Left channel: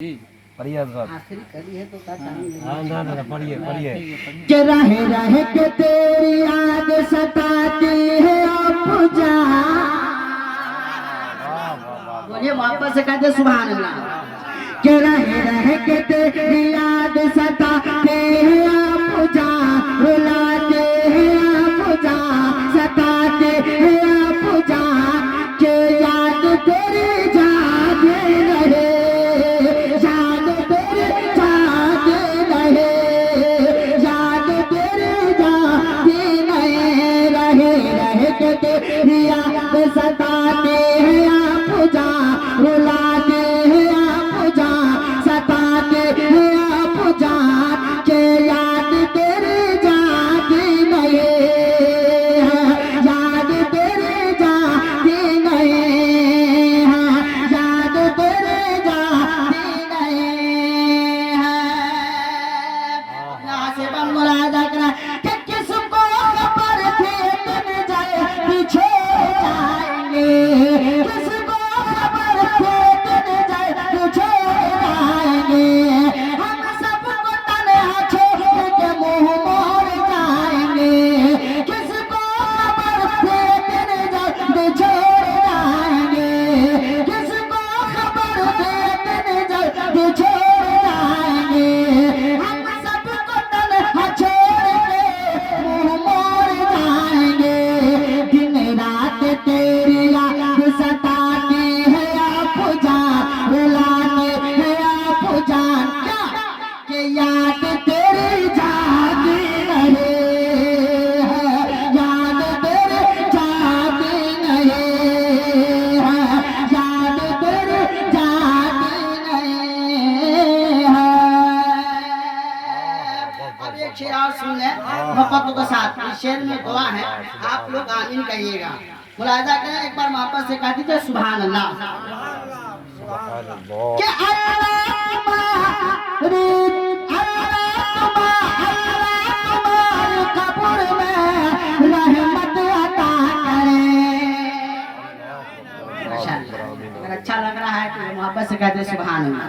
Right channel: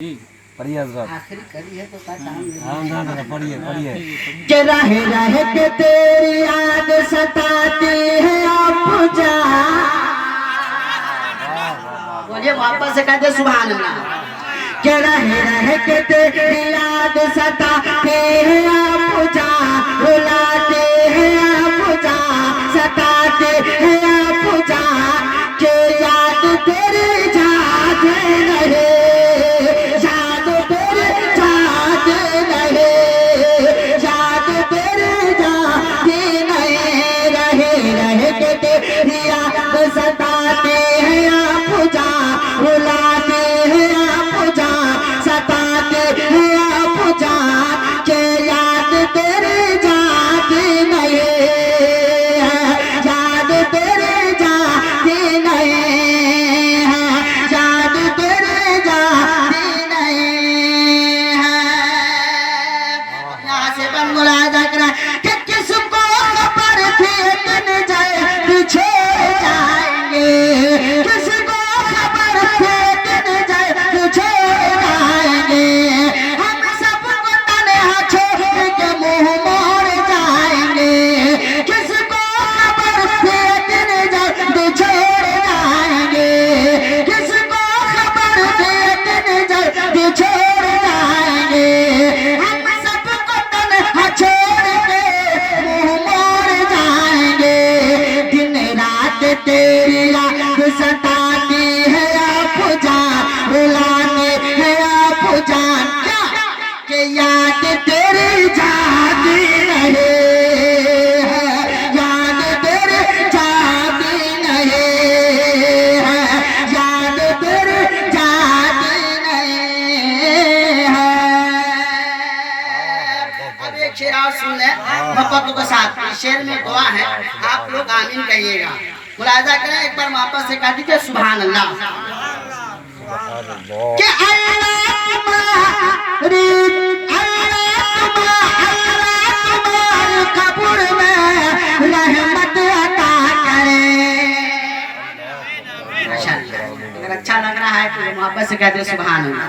पढ़िए आखिरी करी है तो ना पढ़िए पढ़िए कि रहे रहे के तेरी याद सताती है आप जा। बोलिए वापस से कहते सुभान अल्लाह। कि रहे रहे के तेरी याद सताती है आप जा, रुलाते हैं आप जा, सताते हैं आप जा, कि याद तेरी जाते रहे, सताते हैं आप जा, रुलाते हैं आप जा, सताते हैं आप जा, के याद तेरी जाती नहीं है, याद तेरी जाती नहीं है, याद तेरी जाती नहीं है। यहाँ से बन मुलाजा करा कि किसको खबर थी दिन जाए पीछे, किसको खबर थे दिन जाए तुझे आएंगे, हम सबको तन्हा छोड़ के मुंह मोड़ जाएंगे, किसको खबर थे दिन जाए तुझे आएंगे, किसको खबर थे दिन जाए तुझे आएंगे, हम सबको तन्हा छोड़ के मुंह मोड़ जाएंगे, दिन रात तेरी सताती है आप जान, रुलाते हैं आप जान, क्या कि याद तेरी जाती रहे है, याद तेरी जाती नहीं है, याद तेरी जाती नहीं है। अब एक शेर और सुन ले मोहब्बतों के साथ। इस शेर में दुआ है, आप लोग आमीन कहिएगा। मुलाजा करें एक बार वापस से कह दीजिए सुभान अल्लाह। कि अल्लाह तुम्हारी कब्र में रहमत अता करे। अगर अच्छा लग रहा है तो वापस से कह दे सुभान अल्लाह।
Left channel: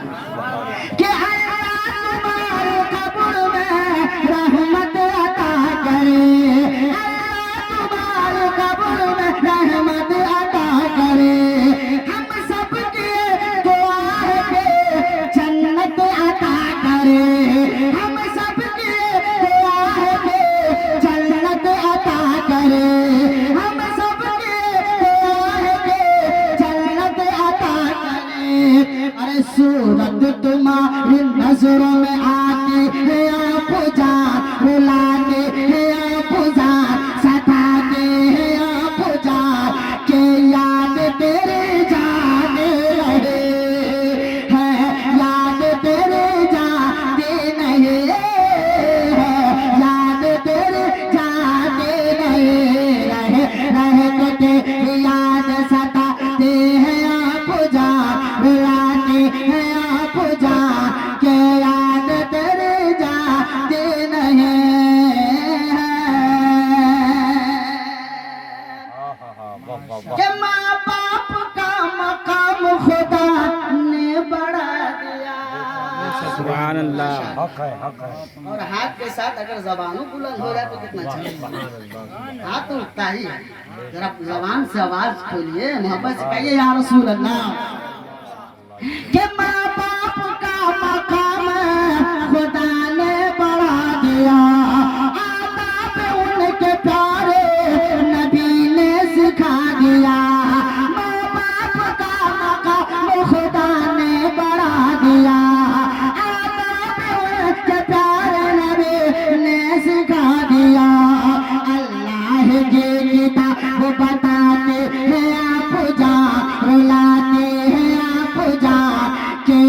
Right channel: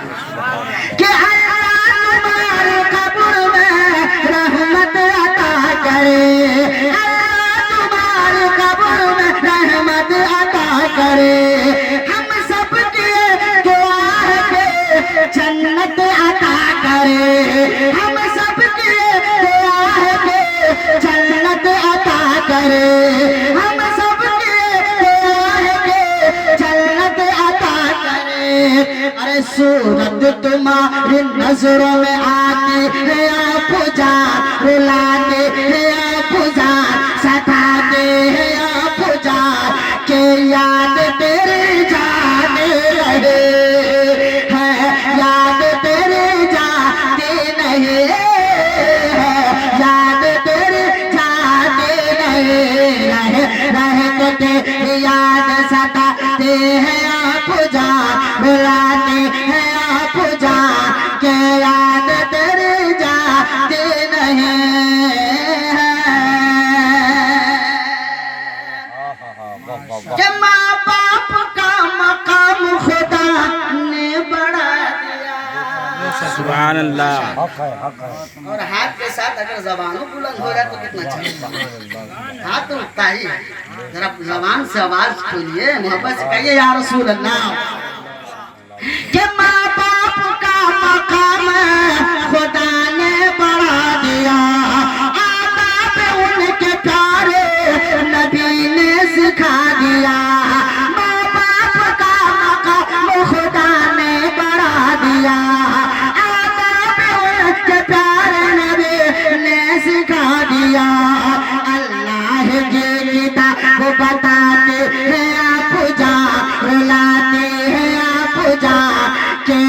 कि अल्लाह तुम्हारी कब्र में रहमत अता करे, रहमत अता करे, हम सब के दुआ के जन्नत अता करे, हम सब के दुआ के जन्नत अता करे, हम सब के दुआ के जन्नत अता करे। अरे सूरत तुम्हारी नजरों में आती है आप जा, रुलाते हैं आप जा, सताते हैं के याद तेरे जाने रहे है, याद तेरे जाते नहीं है, याद तेरे जाते नहीं रहे, रहे तेरे याद सताते हैं आप जा, बुलाते हैं आप जा, के याद तेरे जाते नहीं है। माँ बाप का मकाम खुदा ने बढ़ा दिया। सुभान अल्लाह। हक है और हाथ के साथ अगर जबानों बुलंद हो जाए तो कितना अच्छा। हाथ तो उठता ही, जरा जबान से आवाज खोलिए, मोहब्बत से कहिए या रसूल अल्लाह। कि माँ बाप का मकाम खुदा ने बढ़ा दिया, आदाब उनके प्यारे नबी ने सिखा दिया, माँ बाप का मकाम खुदा ने बढ़ा दिया, आदाब उनके प्यारे नबी ने सिखा दिया। अल्लाह की किताब बताते हैं आप जा, रुलाते हैं आप जा, के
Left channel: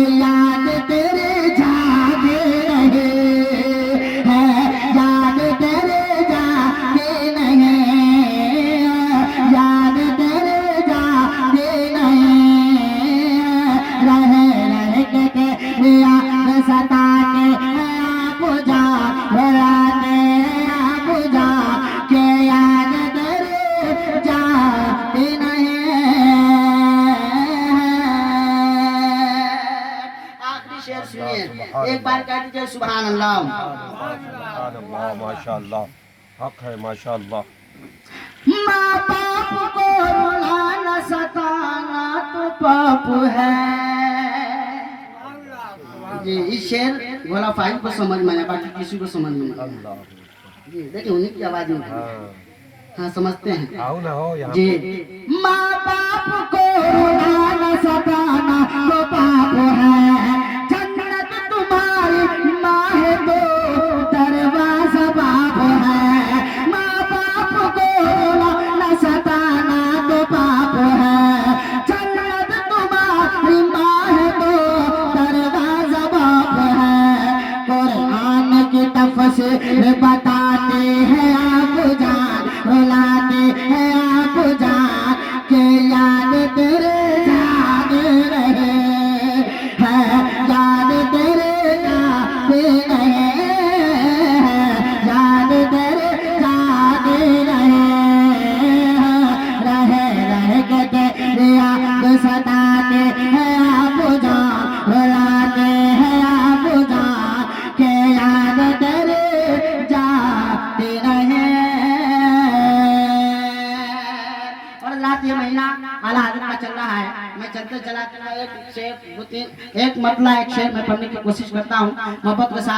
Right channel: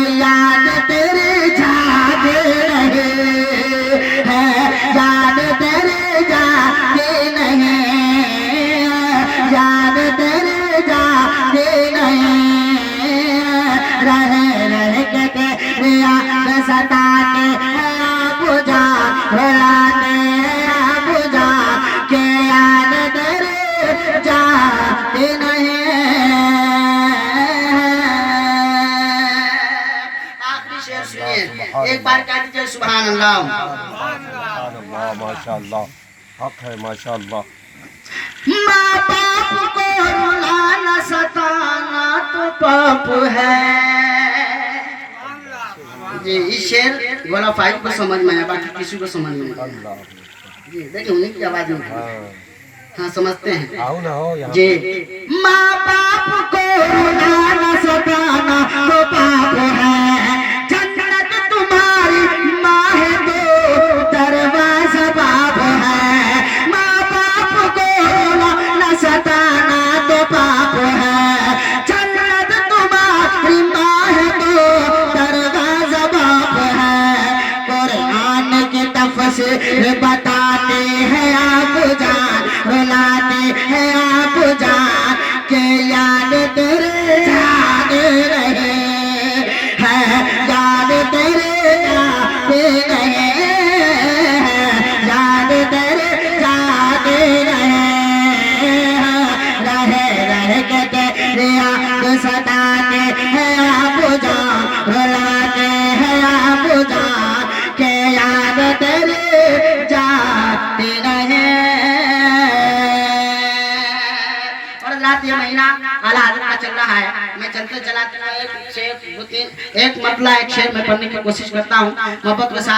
भी शेर सुनिए, एक बार कह दीजिए सुभान अल्लाह। सुभान अल्लाह, माशाअल्लाह, हक है माशाअल्लाह। माँ बाप को रुलाना सताना तो पाप है। जी इस शेर गोला फाइव को समझ में आया, बाकी किसी को समझ में नहीं। अल्लाह जी देखिए उन्हीं की आवाज में। हाँ हाँ समझते हैं आओ ना हो यहाँ जी। माँ बाप को रुलाना सताना तो पाप है, जन्नत तुम्हारी माँ है तो दरवाजा बाप है। माँ बाप को रुलाना सताना तो पाप है, जन्नत तुम्हारी माँ है तो दरवाजा बाप है। कुरान की तफसीर बताते हैं आप जान, रुलाते हैं आप जान के याद तेरे याद रहे हैं, याद तेरे याद रहे हैं, याद तेरे याद रहे हैं, रहे के तेरे याद सताते हैं आप जान, रुलाते हैं आप जान के याद तेरे जाते रहे। और रात ये महीना आला हजरत का चल रहा है, मैं चलते चलाते हुए एक शेर एक मतला एक शेर में पढ़ने की कोशिश करता हूँ मोहब्बत के साथ।